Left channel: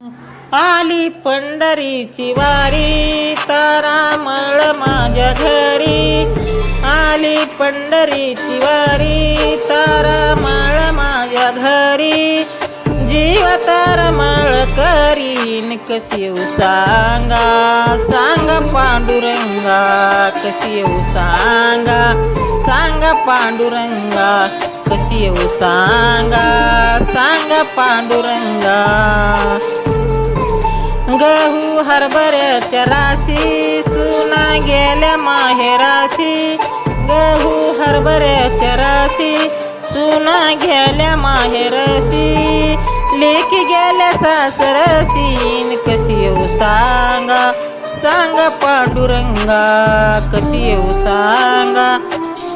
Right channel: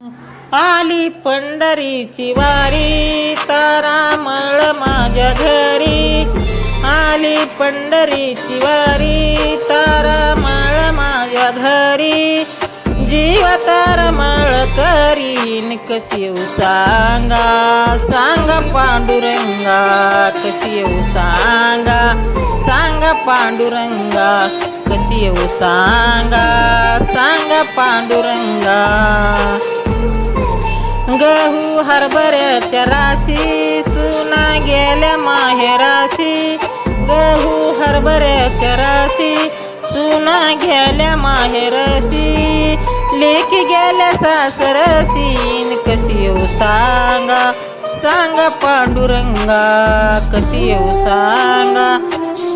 आली पंढरीची वारी तारामळ माझ्या घरी. आली पंढरीची वारी तारामळ माझ्या घरी. जीव तारामळ करीन कशी येऊ सांगा, सांगा पांडुरंगा कशी येऊ सांगा, सांगा पांडुरंगा कशी येऊ सांगा, सांगा पांडुरंगा. गहू हरभऱ्याच्या राशी सुना गेल्या माहेराशी. गहू हरभऱ्याच्या राशी सुना गेल्या माहेरशी. लेकी गेल्या सासरशीन कशी येऊ सांगा, सांगा पांडुरंगा कशी येऊ सांगा,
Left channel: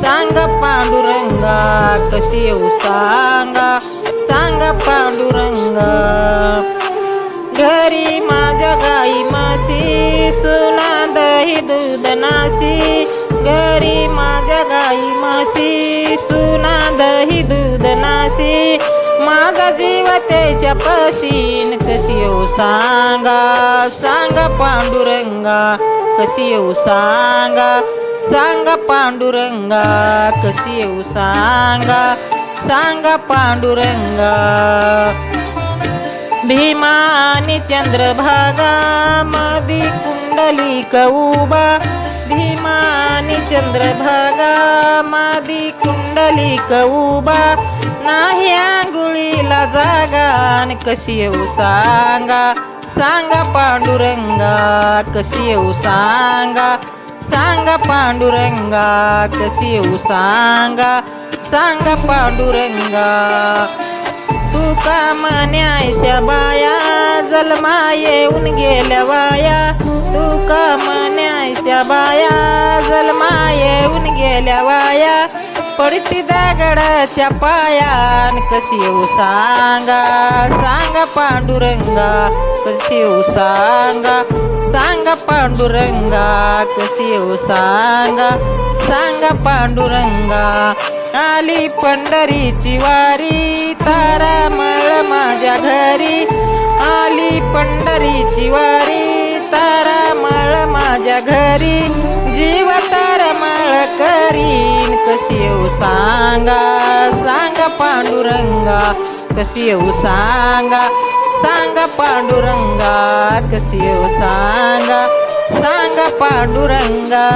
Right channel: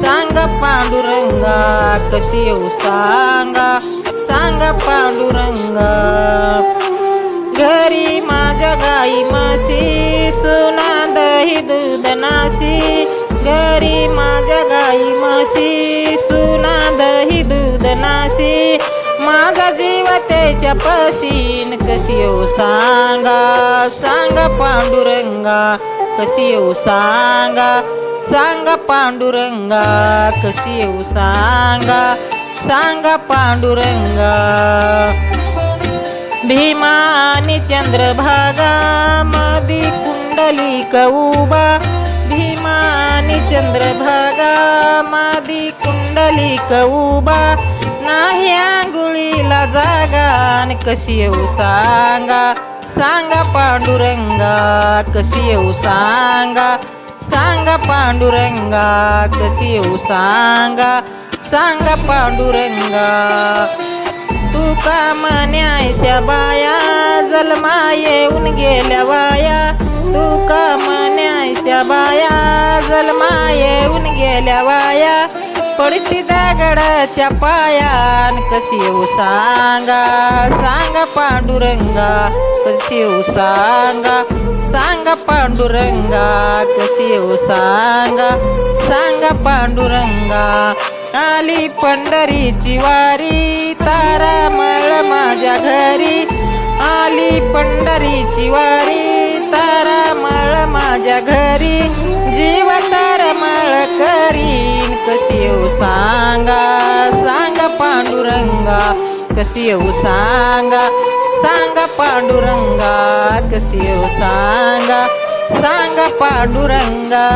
सांगा पांडुरंगा कशी येऊ सांगा, सांगा पांडुरंगा. घरी माझ्या गाई म्हशी सुना दही दूध नाशी. घरी माझ्या गाई म्हशी सुना दही दूध नाशी. माझा जीव त्याच्या पशीन कशी येऊ सांगा, सांगा पांडुरंगा कशी येऊ सांगा, सांगा पांडुरंगा कशी येऊ सांगा, सांगा पांडुरंगा. भीमा आणि चंद्रभागा मधी कुंडलिक उभा. भीमा आणि चंद्रभागा मधी कुंडलिक उभा. नाही आंघोळीला जागा कशी येऊ सांगा, सांगा पांडुरंगा कशी येऊ सांगा, सांगा पांडुरंगा कशी येऊ सांगा, सांगा पांडुरंगा. तू का म्हणायच्या बाया जन्मा येऊन गेल्या वाया. तू का म्हणायच्या बाया जन्मा येऊन गेल्या वाया. पडती दगडाच्या पायान कशी येऊ सांगा, सांगा पांडुरंगा कशी येऊ सांगा, सांगा पांडुरंगा कशी येऊ सांगा, सांगा पांडुरंगा. आली पंढरीची वारी तारामळ माझ्या घरी. आली पंढरीची वारी तारामळ माझ्या घरी. जीव तारामळ करीन कशी येऊ सांगा, सांगा पांडुरंगा कशी येऊ सांगा, सांगा पांडुरंगा कशी येऊ सांगा, सांगा पांडुरंगा.